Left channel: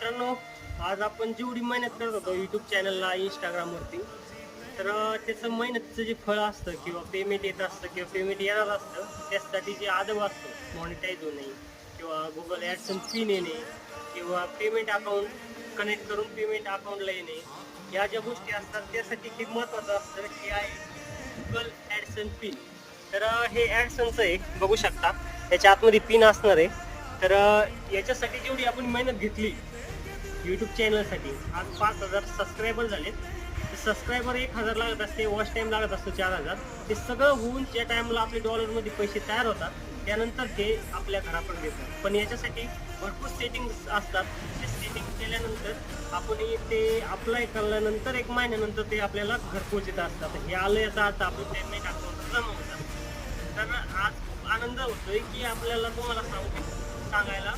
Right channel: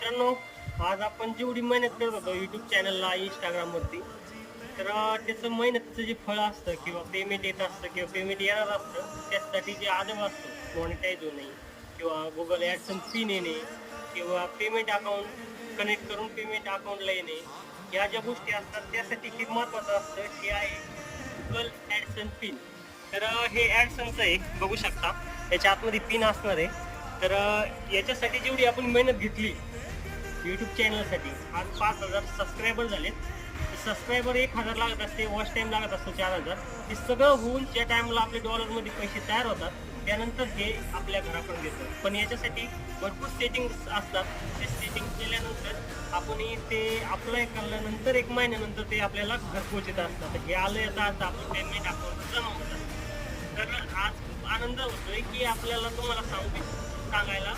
मित्रांनो, आज आपण जेवढी मेहनत करत होतो यूट्यूब चॅनलला इंस्टाग्रामवरती, तर त्याचं मेहनतीचं जे फळ असतं किंवा पेमेंट येत असतं किंवा पेमेंट येणार असतं, त्यासाठी जे आदम असतं मॉनिटाईज होणे किंवा गुगल ॲडसन्स पिन येणे किंवा पेमेंट अकाउंट कनेक्ट करून पेमेंट अकाउंटला येणे, ह्या ज्या गोष्टी असतात त्यासाठी ते महत्त्वाचं असतं. हे आहे गुगल ॲडसन्स पिन. तर हे ॲडसन्सचं आहे, बघू शकता याच्या आतमध्ये पिन असणार आहे. तर याच्यासाठी जेवढी आपण मेहनत घेतली यूट्यूब चॅनलसाठी, आज 5,000 सबस्क्रायबर झालेत. सबस्क्रायबर 1,000 लागत असते, वॉच टाईम लागत असतो 4,000. हे सगळं होऊन ज्या टाईमला आपले डॉलरमध्ये पैसे तयार होतात त्यानंतर हे आपल्या घरापर्यंत येतात. पण याच्यासाठी भरपूर सेटिंग्स असतात. ते सेटिंग केल्यानंतर आपण ते अप्लाय केल्यानंतर 1 महिन्यानंतर ते आपल्याला घरपोच येत असतात. हे आलं याचा अर्थ आपण पेमेंट अकाउंट जमा होतं. तर आज खूप आनंद होतोय की आपल्याला तुम्हाला सांगायला